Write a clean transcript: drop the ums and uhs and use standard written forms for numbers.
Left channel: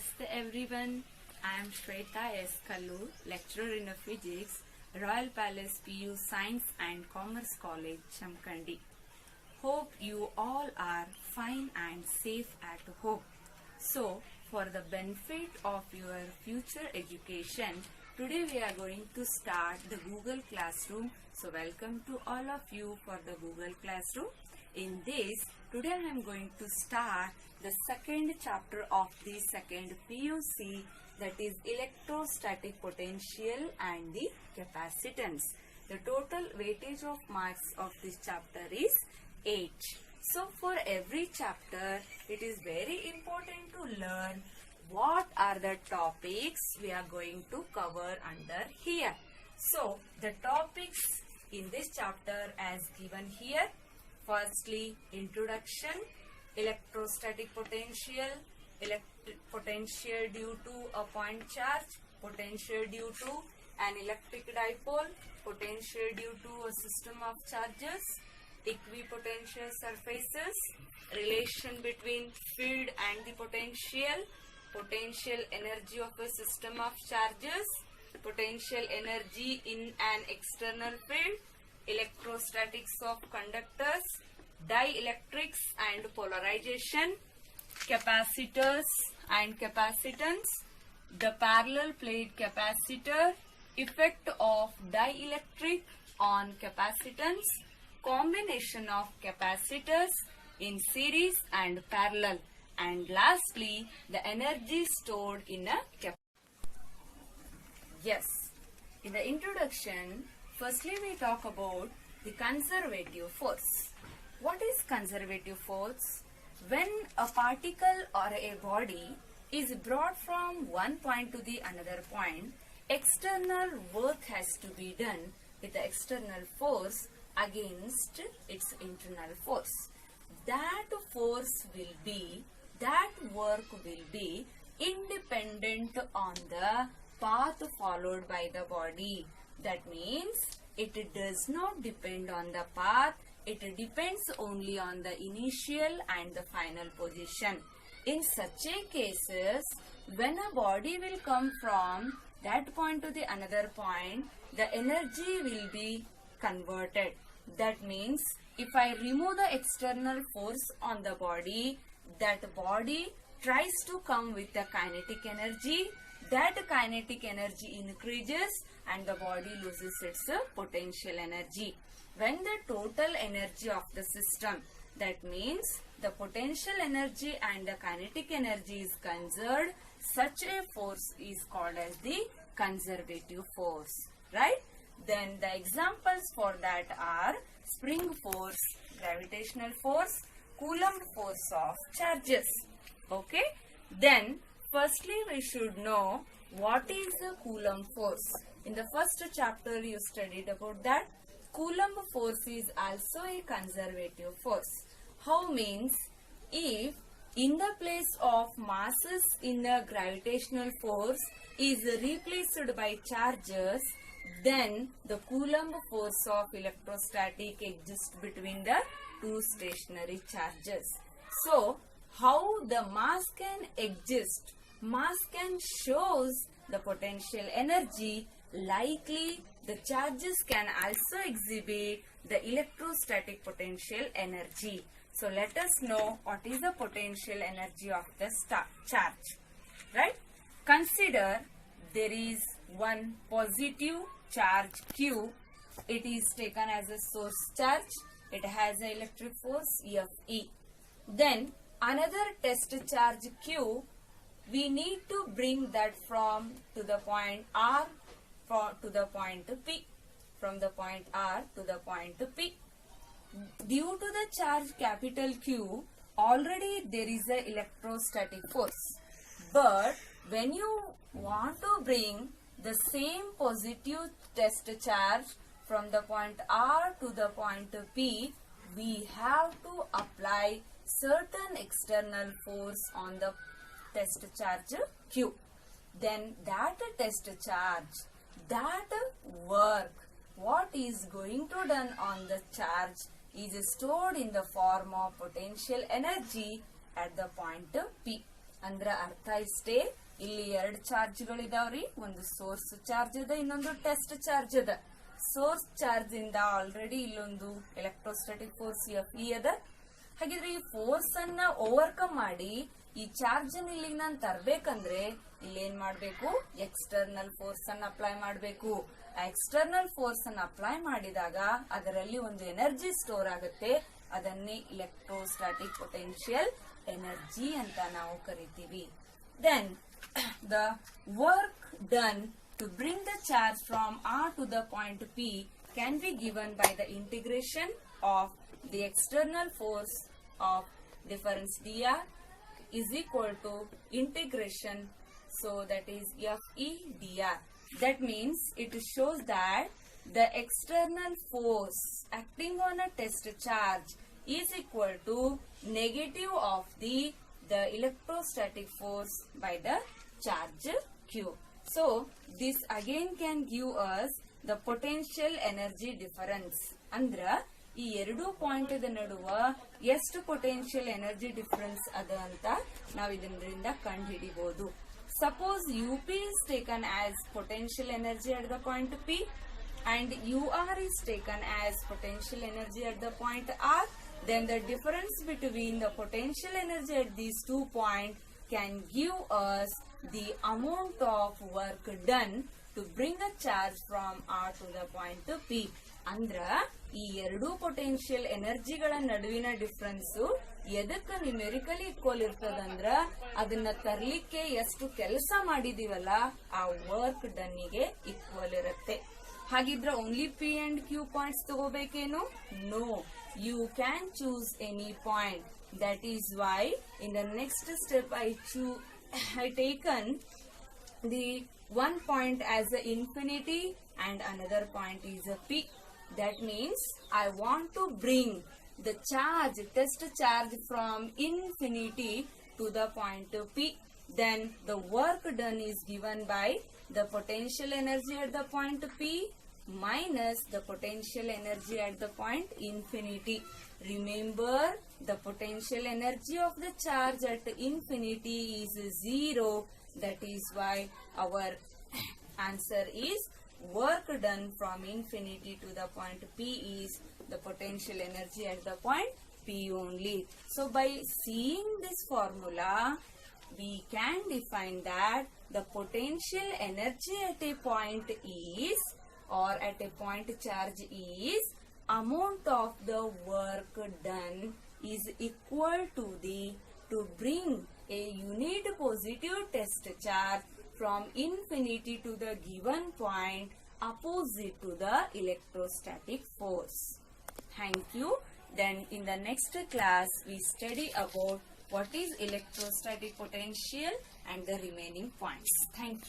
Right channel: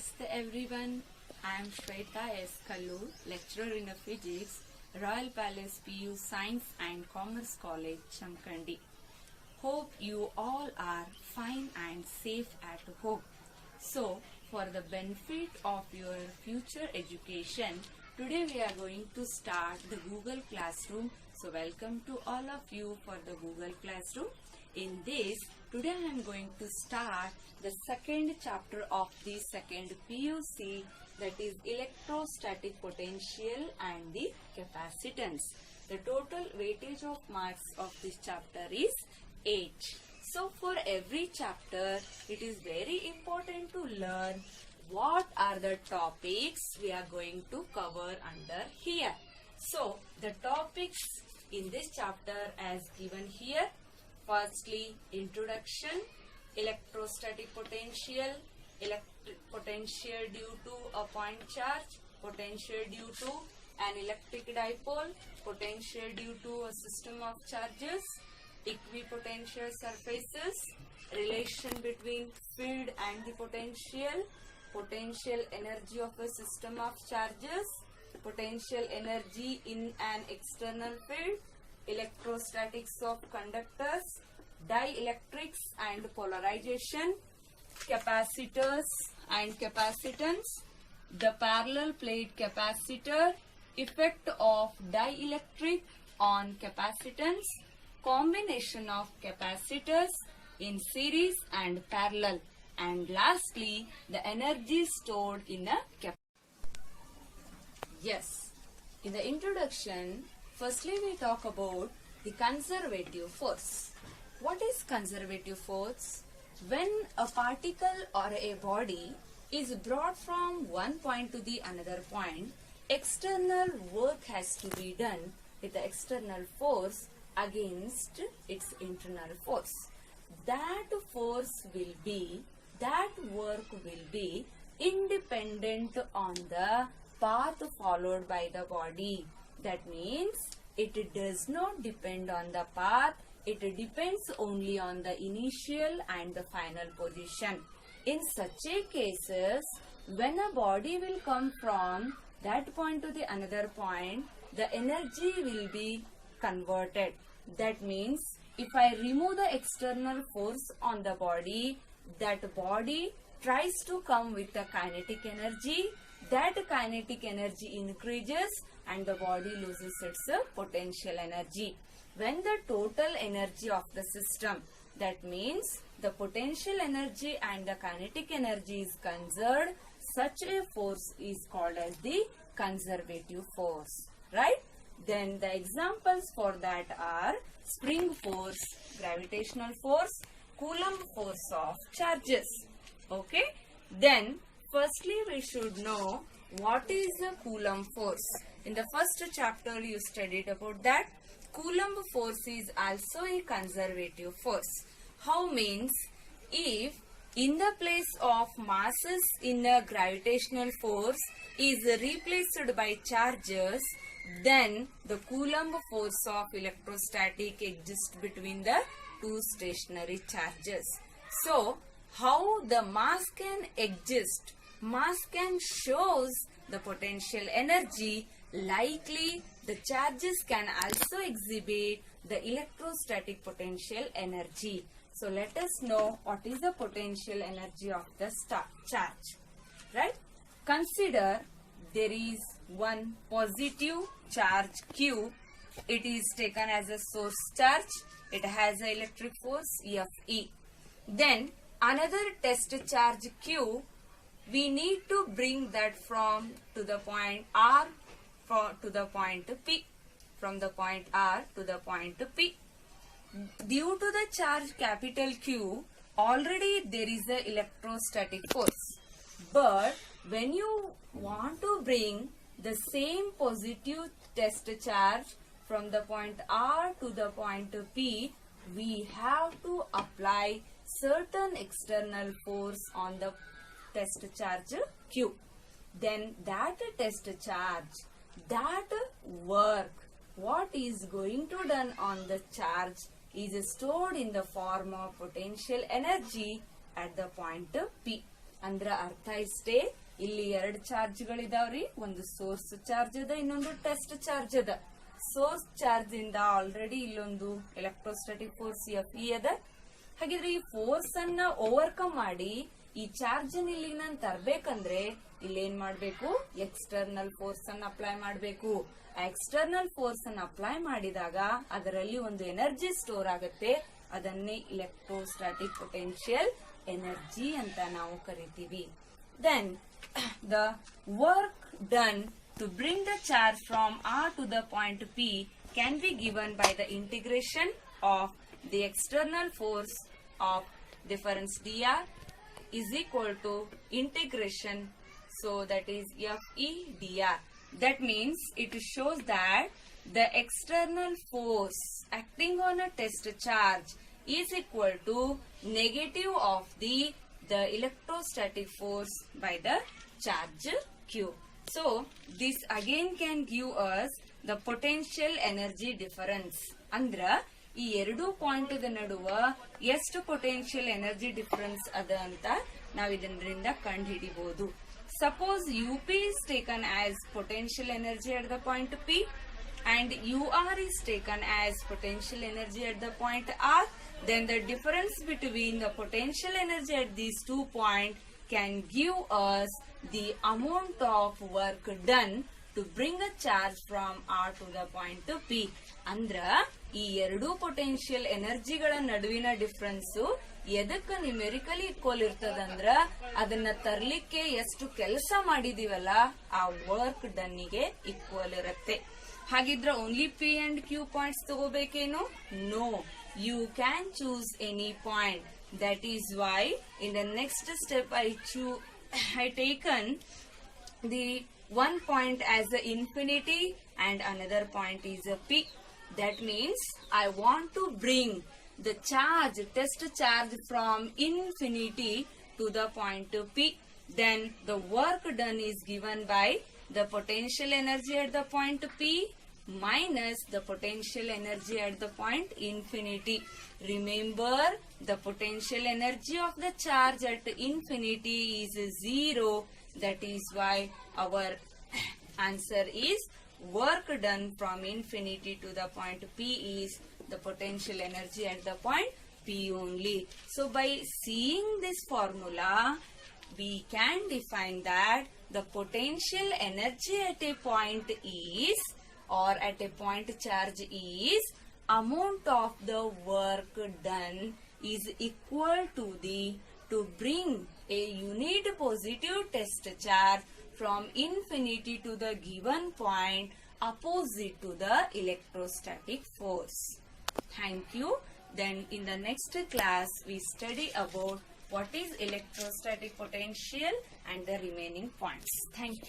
Namaste everyone. I am Shweta S. Kallur, lecturer in physics, Royal Palace PU Science and Commerce College, JAMKHANDI. Hope you all are fine and safe at home. So, for the benefit of your future education, today we are going to start the Google Classroom. So, welcome to all of you for the Google Classroom. In this, today I am going to start the second chapter of the second PUC, that is electrostatic potential and the capacitance. The total weightage of marks of this chapter is 8. So for every chapter, it is very important to learn what are the topics we are going to cover under here. So the topics in this chapter as given here. Firstly, introduction, electrostatic potential, potential due to a point charge, potential due to an electric dipole, potential due to a system of charges, equipotential surfaces, relation between field and the potential energy of a system of charges, potential energy in an external field, electrostatics of conductors, dielectrics and polarization, capacitors and capacitance, the parallel plate capacitor, effect of dielectric on capacitance, combination of capacitors in series and parallel, and lastly the energy stored in a capacitor. Yes, in the introduction, firstly we talk about the conservative force. What is conservative force? When a particle or a body is brought from one point to the another point, external work has to be done with the external force against its internal force. That work will be independent on the path followed by the body. That means it does not depend on the path. It depends only on the initial and the final position. In such a cases, when a body will come from that point to the another point, the energy will be converted. That means if I remove the external force on the body, that body tries to come with the kinetic energy. That kinetic energy increases and the body loses its potential energy. When the total energy of the system, that means the potential energy and the kinetic energy is conserved, such a force is called as the conservative force, right? Then the examples for that are spring force, gravitational force, Coulomb force of charges. Okay? Then firstly we should know what is the Coulomb force. In the first chapter you studied about that. Coulomb force is also a conservative force. How means? If in the place of masses in a gravitational force is replaced by charges, then the Coulomb force of electrostatic exists between the two stationary charges. So, how the mass can exist? Mass can shows the potential energy. Likely, the charges can also exhibit the electrostatic potential energy. So, let us know what is the potential energy of the charge. Right? Consider there is one positive charge Q. It is taken as a source charge. It has an electric force Fe. Then, another test charge Q. We need to bring that from to the point R to the point P, from the point R to the point P. Due to the charge capital Q, already there is a electrostatic force. But when you want to bring the same positive test charge from the point R to the point P, we have to apply certain external force on the test charge Q. Then that test charge, that work, what is going to done on the charge is stored in the form of potential energy at the point P. ಅಂದ್ರ ಅರ್ಥ ಇಷ್ಟೇ, ಇಲ್ಲಿ 2 ಚಾರ್ಜ್ಗಳಿದಾವ್ರಿ. ಒಂದು source charge ಅದ, ಇನ್ನೊಂದು test charge ಅದ. Source charge ಇಂದ already ಇಲ್ಲೊಂದು ಎಲೆಕ್ಟ್ರೋಸ್ಟಾಟಿಕ್ ಫೋರ್ಸ್ FE ಅದ. ಹಾಗಿದ್ರೆ ಈ ಫೋರ್ಸ್ ಅನ್ನ ಓವರ್ಕಮ್ ಮಾಡಿ ಈ ಚಾರ್ಜ್ ಇಲ್ಲಿಗೆ ನಾನು ತರ್ಬೇಕಂದ್ರೆ ಇಲ್ಲೇನ್ ಮಾಡ್ಬೇಕು, ಎಕ್ಸ್ಟರ್ನಲ್ ಫೋರ್ಸ್ ಅನ್ನ ಅಪ್ಲೈ ಮಾಡ್ಬೇಕು. ಆ ಎಕ್ಸ್ಟರ್ನಲ್ ಫೋರ್ಸ್ ಅನ್ನ ಅಪ್ಲೈ ಮಾಡಿದಾಗ ಅದರಲ್ಲಿ ಒಂದು ಎನರ್ಜಿ ಸ್ಟೋರ್ ಆಗುತ್ತೆ. ಅದನ್ನೇ ಇಲೆಕ್ಟ್ರೋಸ್ಟಾಟಿಕ್ ಪೊಟೆನ್ಶಿಯಲ್ ಎನರ್ಜಿ ಅಂತ ನಾವು ಕರಿತೀವಿ. Then the work done to bring the charge from R to the point P can be given by the integration of the external force of difference dr is equal to integration, so that is FE dr. That means it shows that the external force acting on a test charge is equal to negative of the electrostatic force by the charge Q. So this again can give us the potential energy difference. ಅಂದ್ರ ಈ 2 point ನಡುವ ಎಷ್ಟು potential energy difference ಅದ ಅಂತ ನಾವ್ ಇದರಿಂದ ಕಂಡು ಹಿಡಿಬಹುದು. Suppose UP is taken as potential energy at the point P and UR is taken as potential energy at the point R, then the difference between the potential energy at these 2 points can give us the amount of work done to bring a charge from R to the point P. ಅಂದ್ರ ಈ 2 potential ಎನರ್ಜಿಗಳ ನಡುವಿನ difference ಎದಕ್ಕೆ ನ್ಯೂಮೆರಿಕಲಿ equal ಇರ್ತದಂದ್ರ ಅದನ್ನ ತರ್ಲಿಕ್ಕೆ ಎಷ್ಟು ಕೆಲಸ ಮಾಡಿದೀವಲ್ಲ ಆ work ಡನ್ನಿಗೆ ಈಕ್ವಲ್ ಇರುತ್ತೆ. ಹಾಗಿದ್ರ only P and Q points ತಗೋಬೇಕೇನು? No, you can choose any point. That is why in the next step I taken the one point as a infinity and another point is a P. That means I want to bring the charge, test charge from infinity to the point P. Then the work done is given by the potential energy at the point P minus the potential energy at the point infinity. Remember, the potential energy of the charge at infinity is 0. That is why our answer is work done from infinity to the point P is the potential energy at the point P only. So by seeing this formula, we can define that the potential energy at a point is, or at a point charge is, amount of the work done is equal to to bring a unit positive test charge from infinity to the given point opposite to the electrostatic force. Thank you. Then in the next class we study about what is electrostatic potential and the remaining points. Thank you.